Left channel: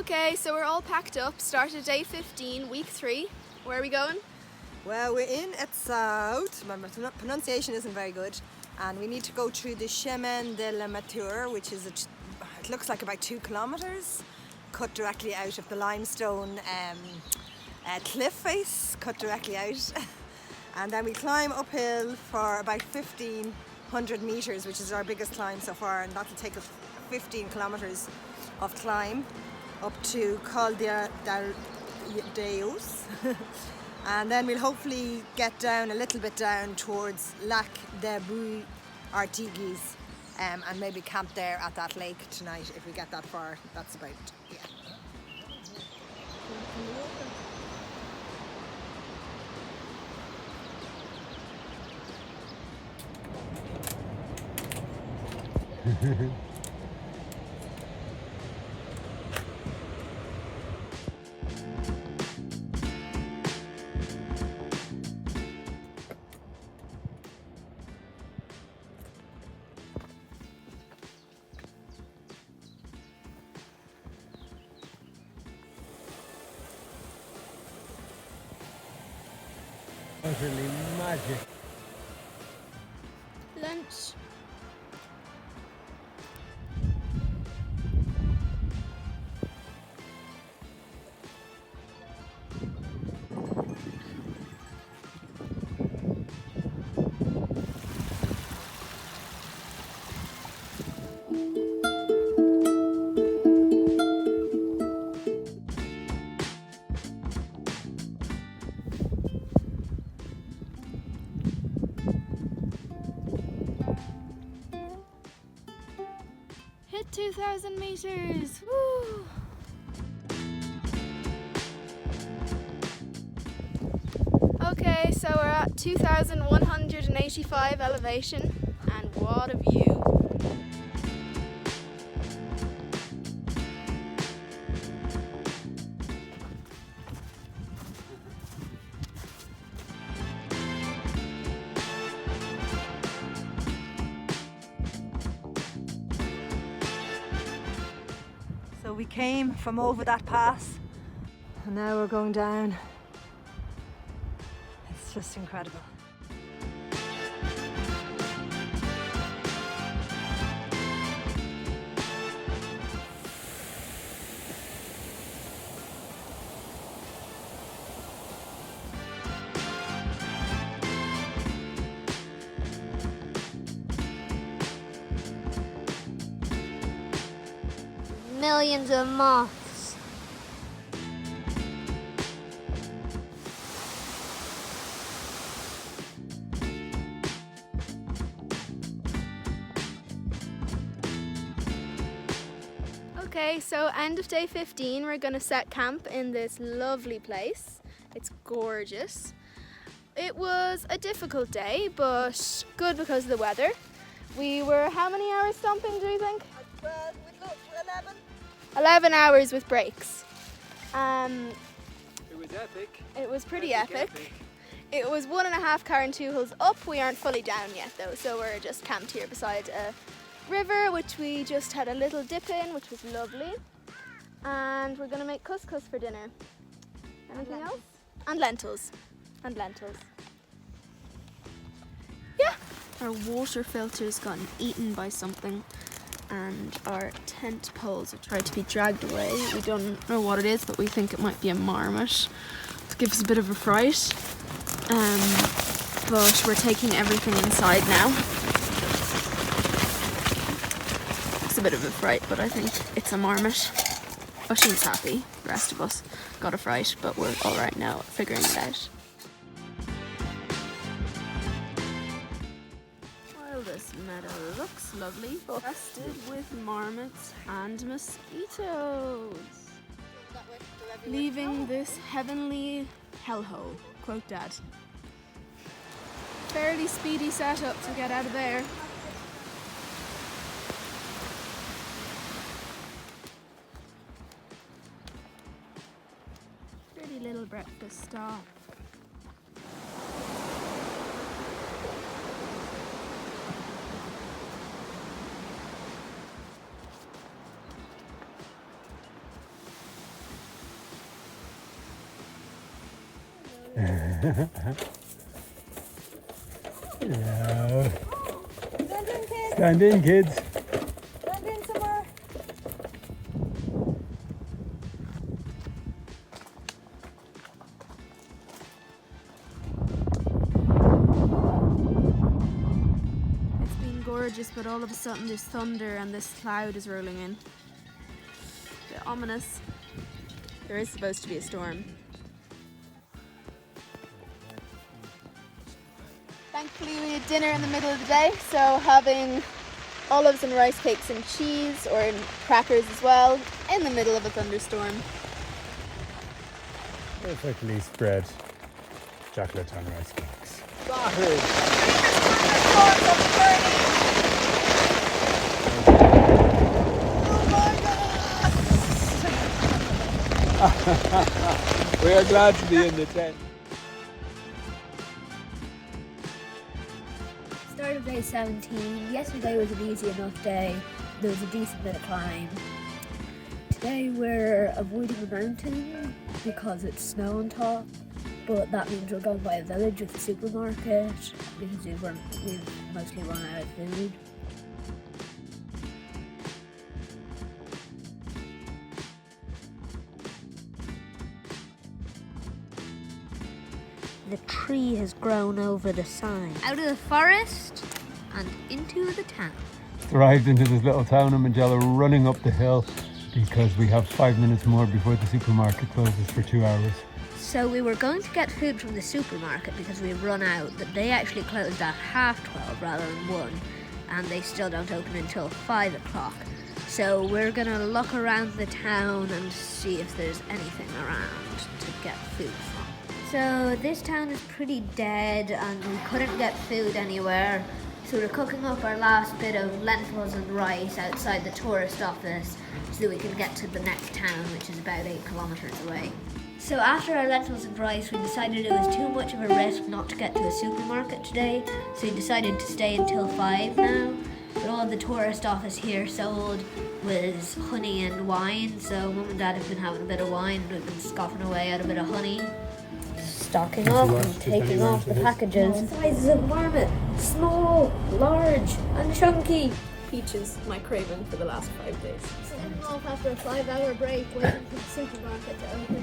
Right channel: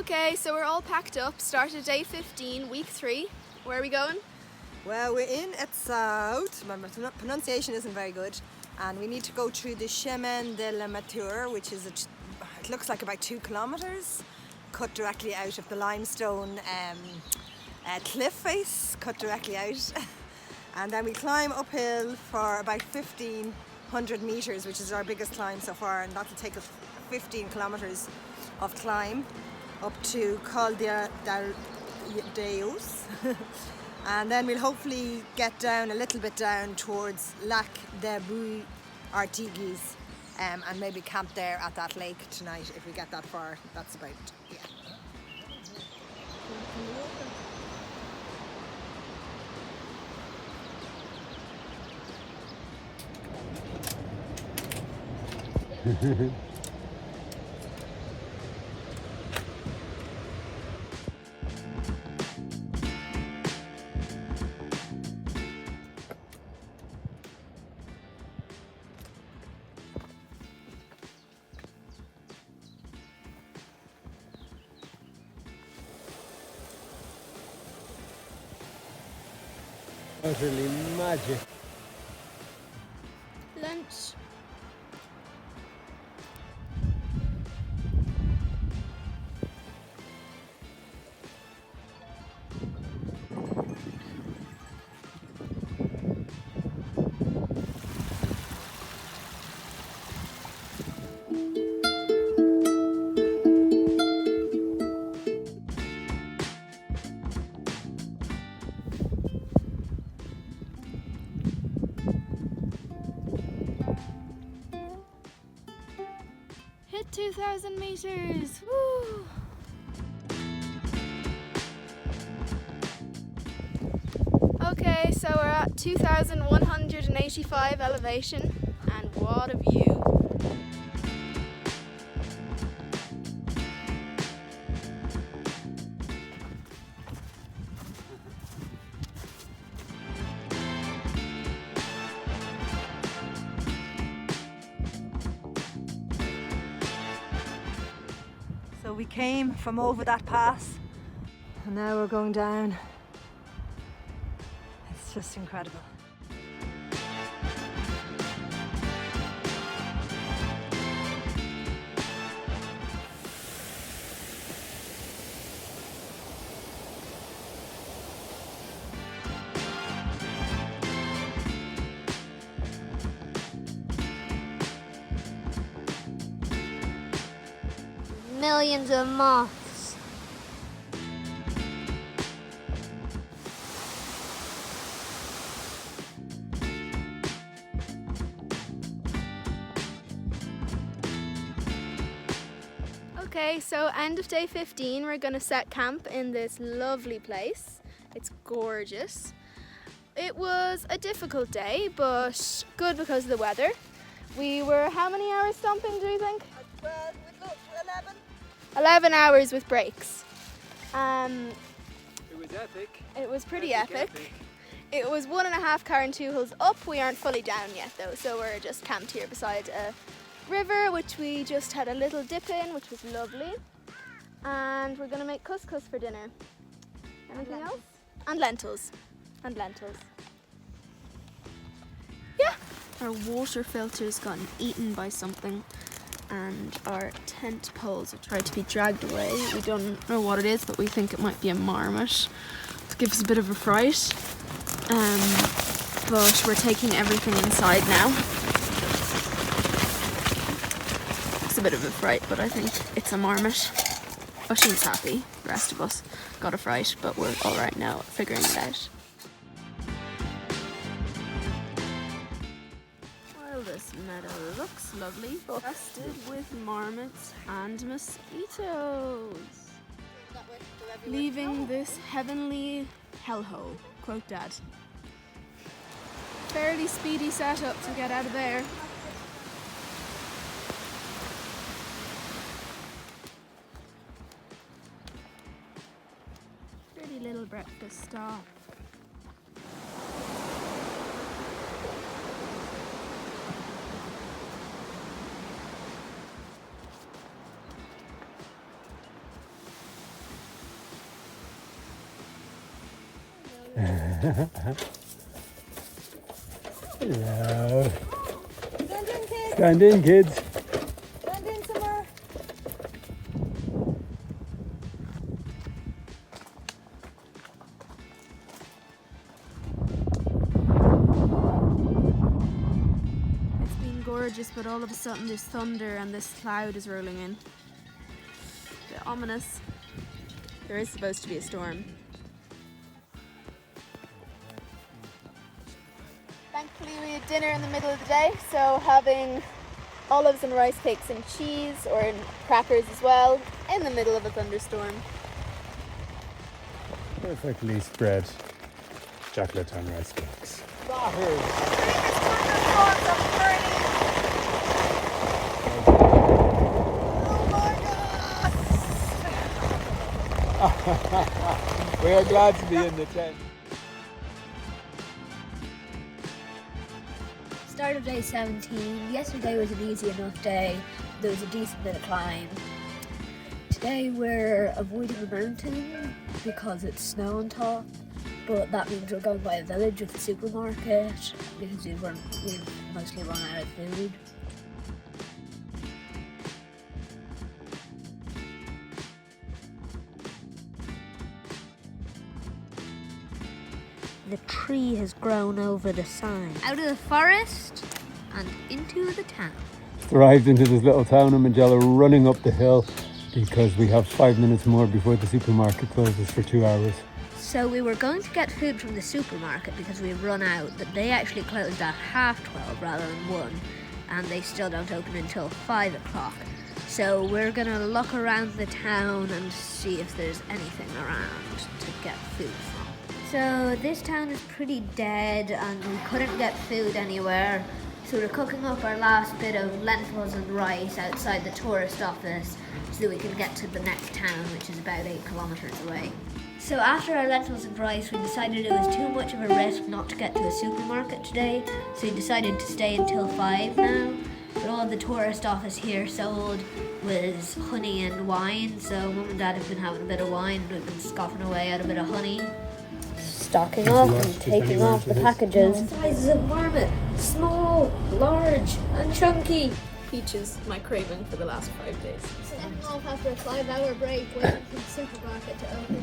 Okay, so we're all packed up, started day 15, week 3. Where are we going? Well, we're in Etsaut. My pronunciation isn't very good, and we need to go through the Chemin de la Mature, which is it looks like about 2 kilometers, cut directly out of the limestone cliff face, cut directly out. And then we climb uphill for about 1,500 meters, which is our biggest climb so far, and that'll take us 15 kilometers of climb up to Cauterets. And then we'll hopefully get down a little bit down towards Lac de Artigues, and maybe camp there at that lake tonight if we get that far. That's about, yeah. Lunch. Hit 2,000 meters! Woo! Okay, so we're at 2,185 elevation, and what a view! So we came from over that pass, and now we're going down. It's just incredible. Millions of moths. Okay, so end of day 15, we're going to set camp in this lovely place. It's gorgeous. It was a difficult day, but good because of the weather. We were how many hours stomping, do you think? 11 hours with breaks. It was epic. It was pretty epic. It was 1.5 car and 2 hills up. We aren't fully down yet though, so we're just camped here beside a river, which we just had a little dip in, which was lovely. And we're gonna make couscous for dinner. Anything else? And lentils. And lentils. Yeah. Our water filter's gotten eaten by something, and our tent poles have tried to be dragged away. We don't know what it is, but we think it might be a marmot to give us a bit of a fright. But we're taking everything inside now. It's a bit of a fright, but I think it's a marmot. Oisín's happy, the rest of us got a fright, but we're alright now at figuring it out. This meadow looks lovely, infested with marmots and mosquitoes. Leaving this heavenly hellhole, quote Dad. Fairly speedy setup to get out of there. Pretty little breakfast stop. Yeah. Stand in, kids. Stand in, kids. Stand in some more. It's been gorgeous, but all of a sudden there's thunder and this cloud is rolling in. A bit ominous. There is supposed to be a storm. Thankfully we had dinner in the middle of the day, so having olives and rice cakes and cheese, or crackers as well, in the middle of a thunderstorm. Perfectly spread chocolate and rice cakes. We are glad to be in the tent. Start of day 17. Yesterday was an easy enough day. There was a decent bit of climb. Today we're avoiding the mountain because it's snow on top, but that means we're going by a village with a supermarket because we've mostly run out of food. The tree has grown over the sign. Out of the forest and into the town. Arrived into this little town in Magella, running up the hill because we have 5 minutes more before the supermarket closes for 2 hours. So we were going to get food from the supermarket because we've run out, but they actually closed at 12:30 rather than 1, and they still don't open until 5 o'clock. So we're gonna look around the town and see if there's anything around to get food from. So this town is pretty dead and we couldn't get food anywhere. So we're cooking up our last bit of lentils and rice outside the tourist office so that we can get to the next town, which is about 8 kilometers away. So after our lentils and rice, we decided it was too much of a risk not to get to a supermarket today. So we decided to stay until 5 now. But all the tourist office here sold was honey and wine. So Mum and Dad have been having a bit of wine and we've been scoffing away at a bit of honey. Stocking up and taking off the packages. Sizes of marmot, small, large, and chunky. Peaches, my craving for the last 5 days. After a 5-hour break, waiting for the supermarket to open.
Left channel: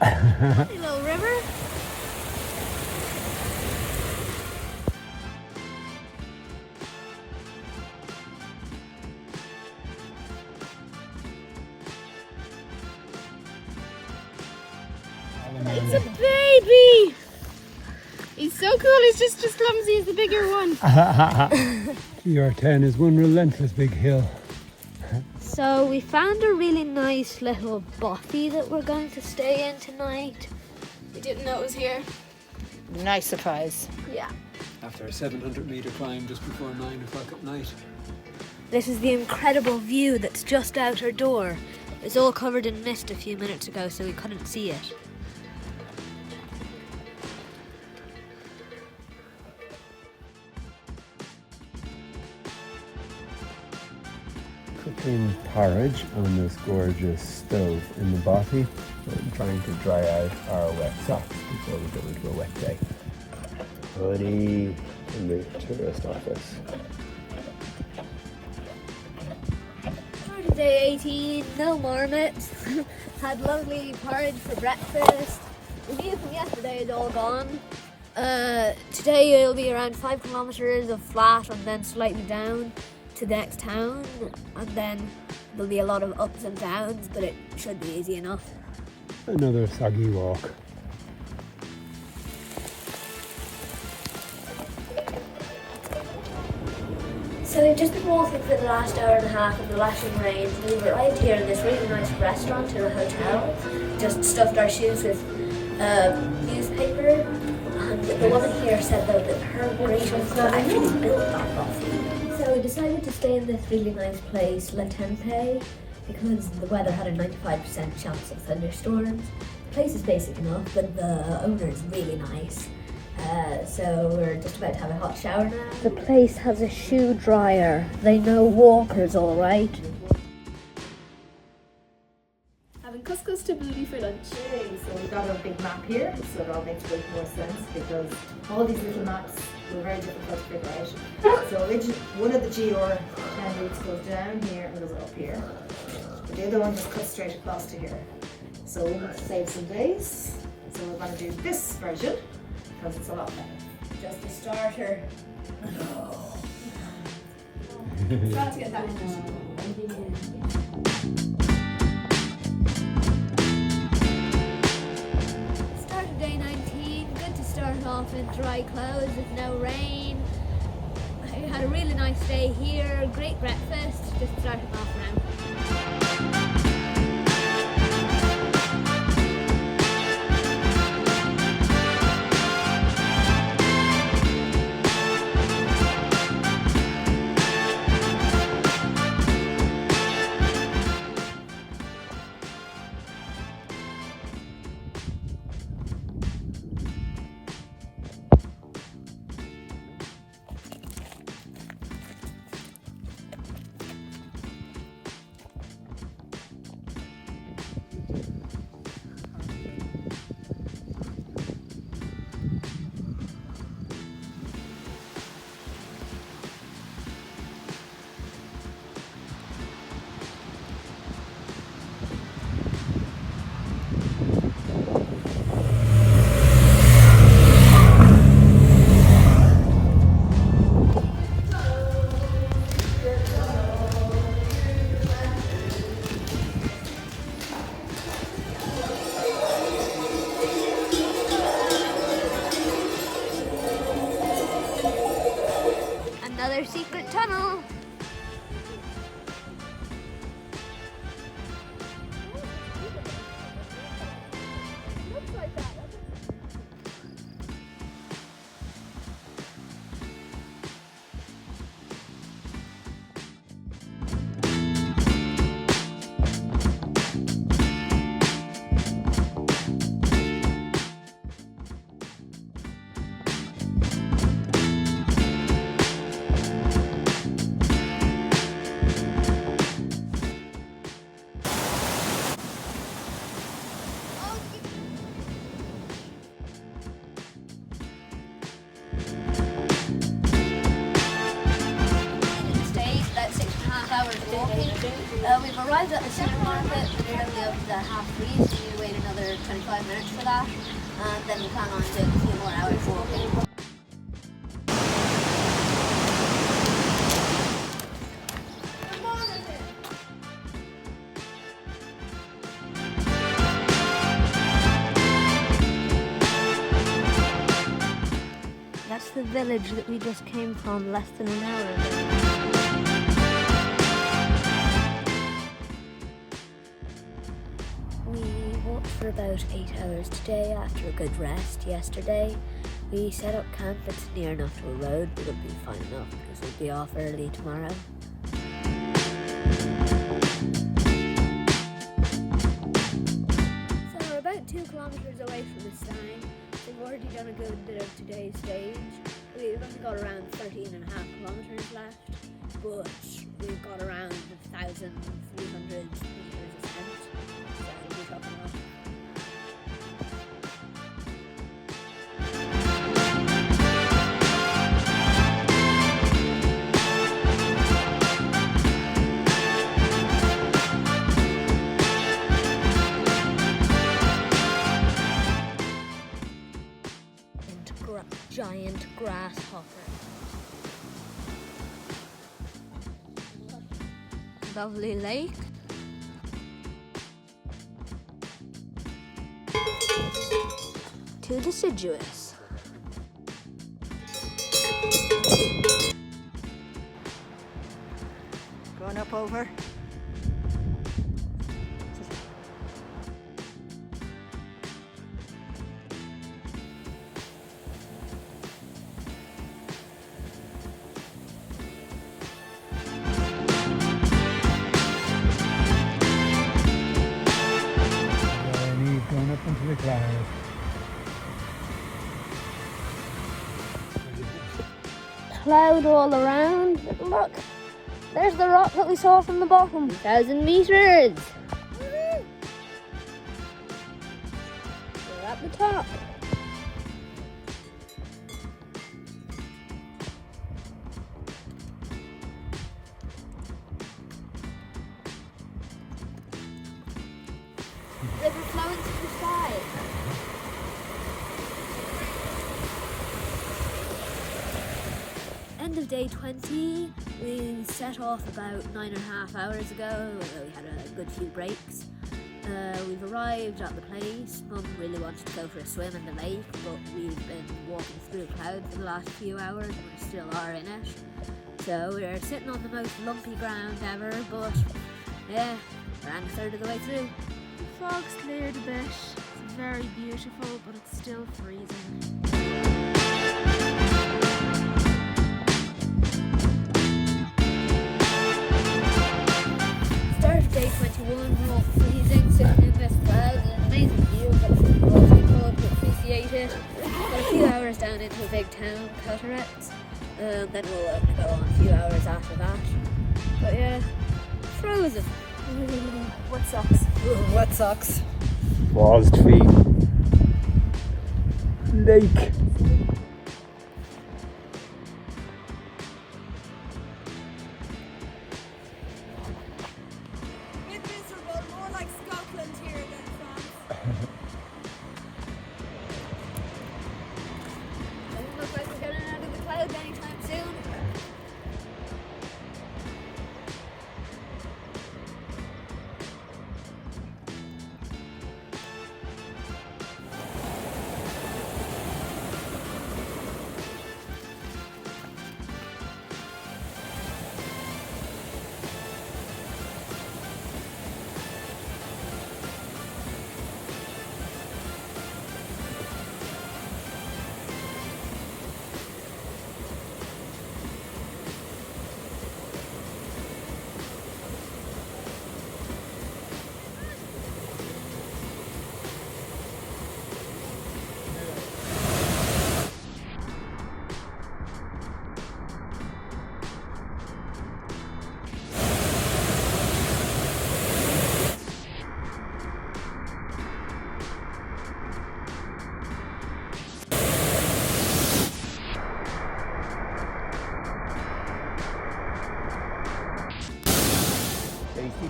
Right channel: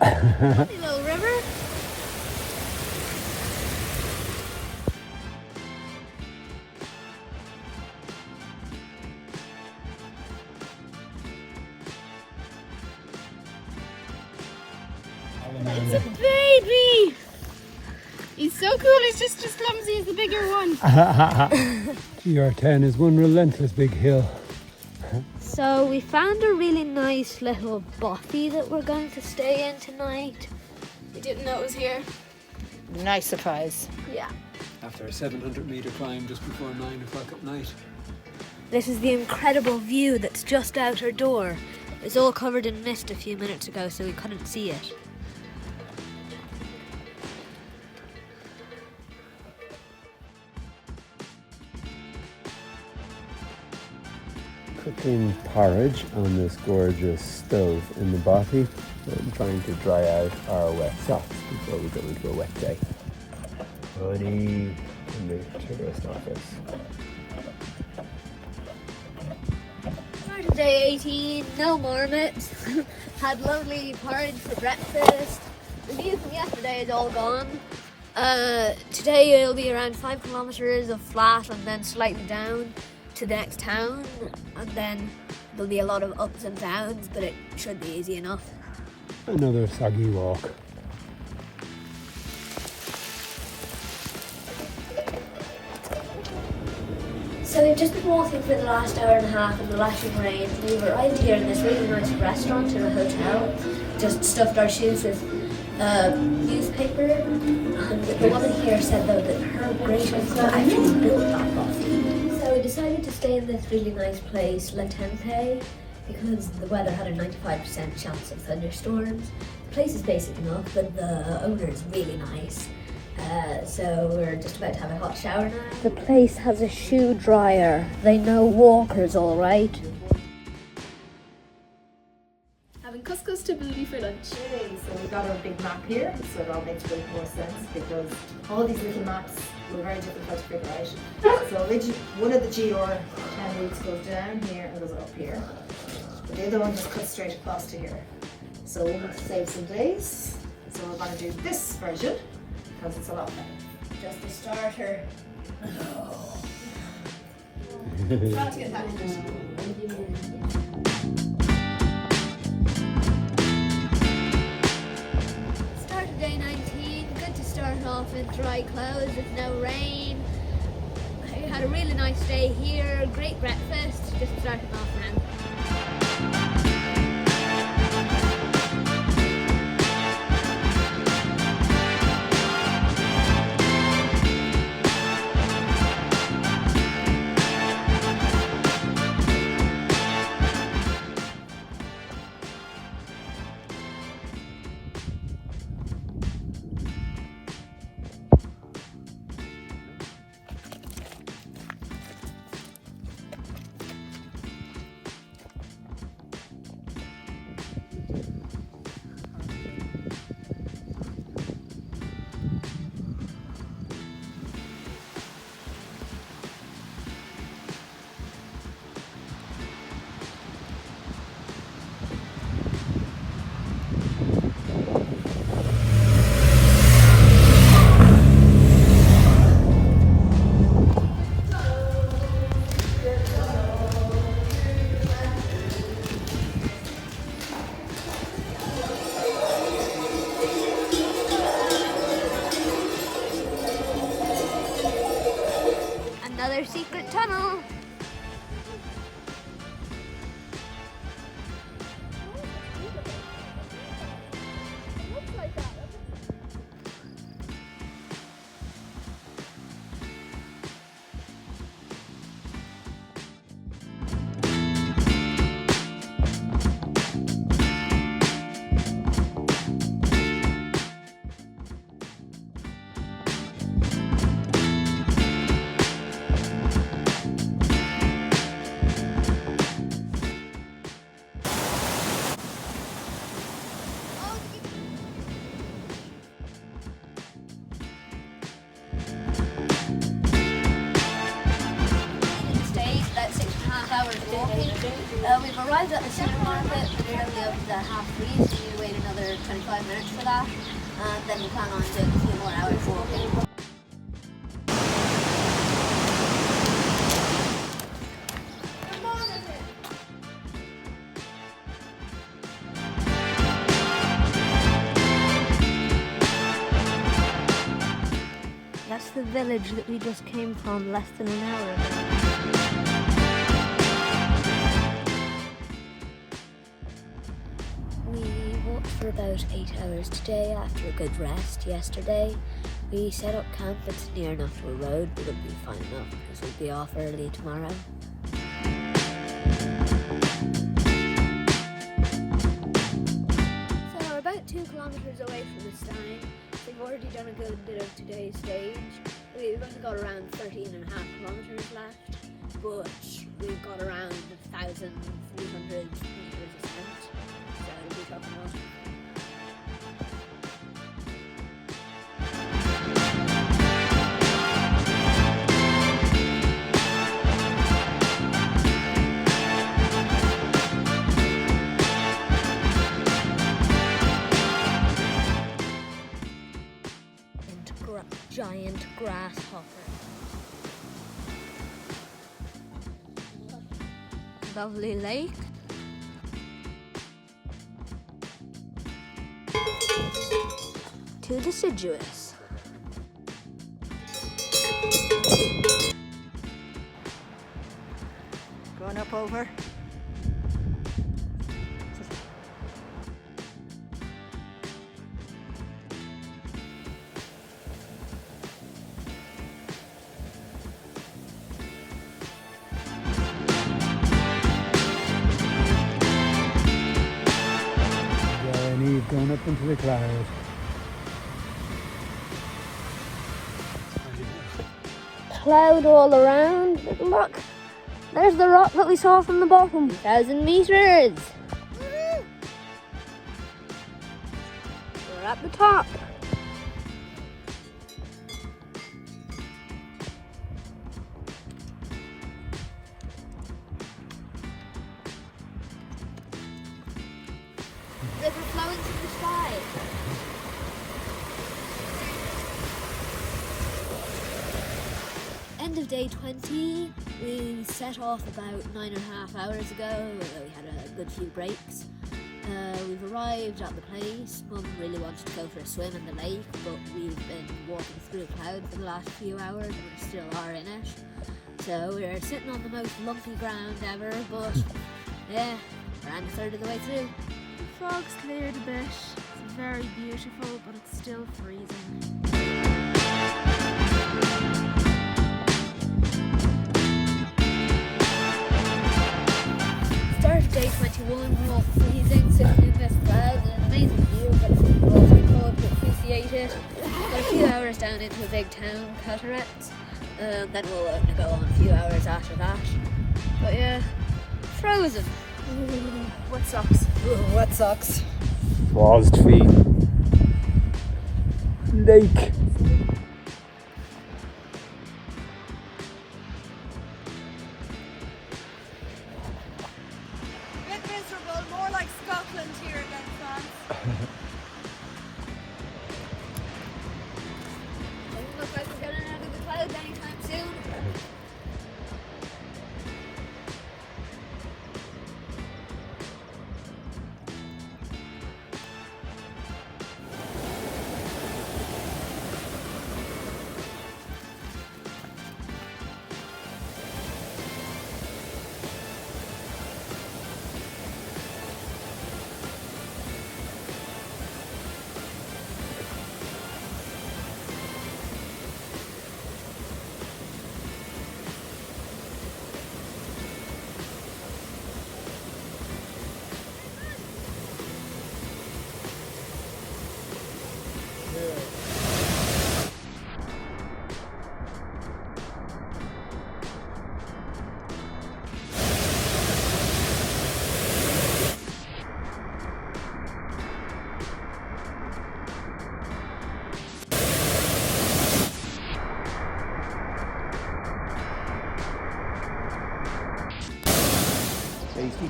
Hey, little river. It's a baby! He's so cool, he's just as clumsy as the bigger one. GR10 is one relentless big hill. So we found a really nice little bothy that we're going to stay in tonight. We didn't know it was here. Nice surprise. Yeah. After a 700-metre climb just before 9 o'clock at night. This is the incredible view that's just out our door. It was all covered in mist a few minutes ago, so we couldn't see it. Cooking porridge on this gorgeous stove in the bothy. We're trying to dry out our wet socks before we go into a wet day. Honey in the tourist office. Started day 18, no marmot. Had lovely porridge for breakfast. The view from yesterday is all gone. Today it'll be around 5 kilometers of flat and then slightly down to the next town, and then there'll be a lot of ups and downs, but it should be easy enough. Another soggy walk. So we've just been walking for the last hour and a half in the lashing rain. We've arrived here in this really nice restaurant in a hotel. Just stuffed our shoes with newspaper, and the woman here said though that her great uncle actually built that coffee. So we decided to stay in this really nice place, La Tempe, because the weather had a 95% chance of thunderstorms. The place is basic enough, but the owner is really nice. So we're just about to have a hot shower now. The place has a shoe dryer. They know walkers all right. Having goes to Booty for lunch. Okay, so we've got our big map here, so it all makes way more sense because all these little maps were very difficult to figure out. So one of the GR10 routes goes down here and goes up here, but the other one just cuts straight across to here. So we'll have to save some days. So we're going to do this version because it's a lot better. Just a starter. Try to get that in. Start of day 19. Good to start off in dry clothes with no rain. I had a really nice day here. Great breakfast. Just starting off now. Another secret tunnel. We've arrived at the supermarket. We're only open at 3:30, so we wait another 25 minutes for that, and then we plan on doing a few more hours walking. That's the village that we just came from less than an hour ago. For about 8 hours today after a good rest yesterday. We set up camp. It's near enough to a road, but it'll be fine enough because we'll be off early tomorrow. So we're about 2 kilometres away from the sign. We've already done a good bit of today's stage. We've only got around 13.5 kilometres left, but we've got around 1,300 metres ascent. So we'll be talking about giant grasshopper. Lovely lake. Too deciduous. Going up over. Going up into the cloud. Cloud all around. Look, there's the rock that we saw from the bottom. 1,000 meters. Stop! End of day 20, we set off about 9.5 hours ago. We had a good few breaks. We've arrived at the place. Mum really wanted to go for a swim in the lake, but we've been walking through clouds for the last few hours and we still are in it. So we're sitting on the most lucky ground ever, but yeah, we're only a third of the way through. The fog's cleared a bit. It's very beautiful, but it's still freezing. Start of day 21, we're all freezing, sitting in this cloud, an amazing view, but it's difficult to appreciate it. We're a few hours down into a big town, Cauterets, then we'll go on a few hours after that. But yeah, frozen. Wet socks. Ooh, wet socks. Paused feet. Lake. Bit miserable, more like Scotland here than France. Doesn't look like we're getting out of the clouds anytime soon.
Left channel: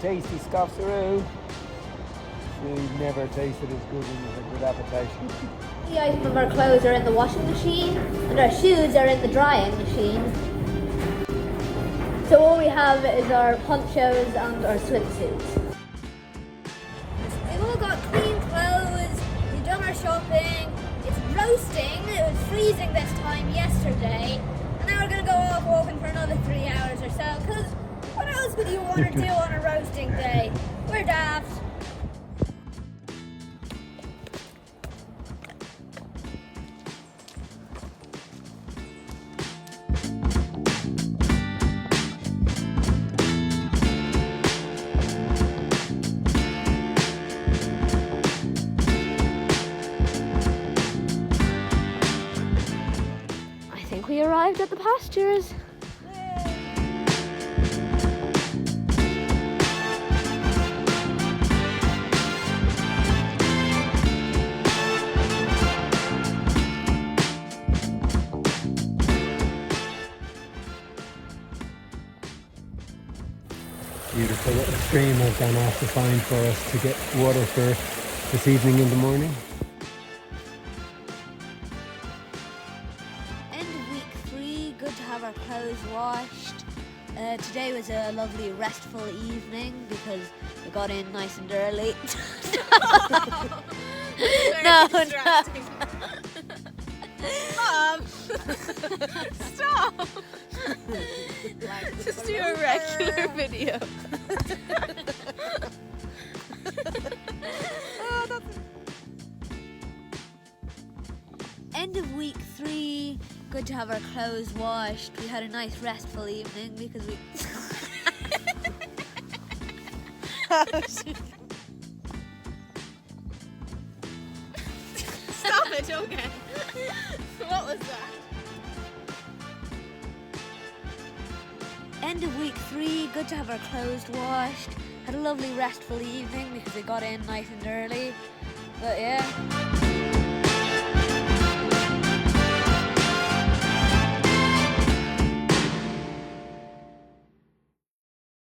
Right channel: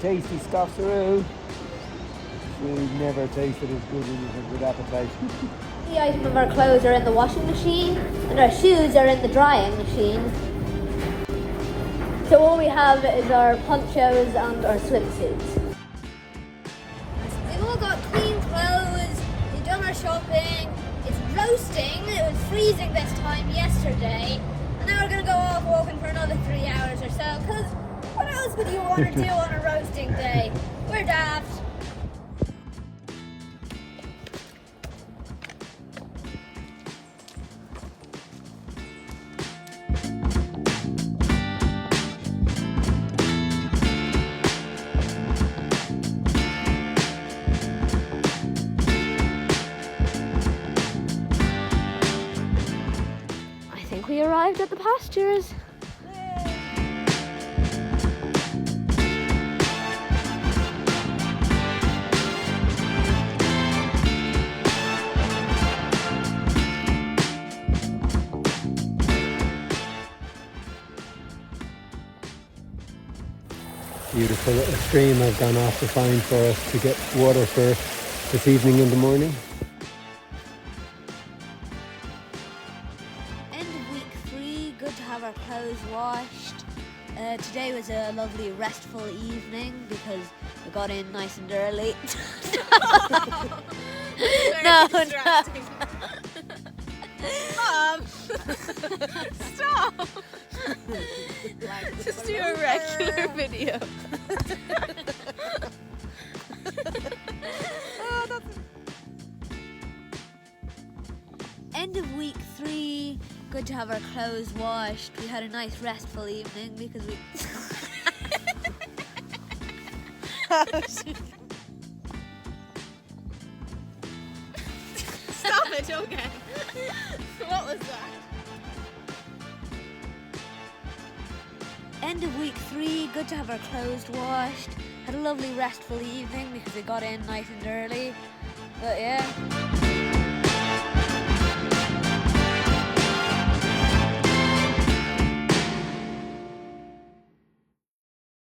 Tasty stuff through. Food never tasted as good when you have a good appetite. The item of our clothes are in the washing machine and our shoes are in the drying machine. So all we have is our ponchos and our swimsuits. We've all got clean clothes, we've done our shopping, it's roasting, it was freezing this time yesterday, and now we're going to go off walking for another 3 hours or so, because what else would you want to do on a roasting day? We're daft. I think we arrived at the pastures. Beautiful little stream I've gone off to find for us to get water for this evening in the morning. End of week 3, good to have our clothes washed. Today was a lovely restful evening because we got in nice and early. No. Stop! Just do a regular video. End of week 3, good to have our clothes washed. We had a nice restful evening because we... Stop it, okay. What was that? End of week 3, good to have our clothes washed. Had a lovely restful evening because we got in nice and early. But yeah.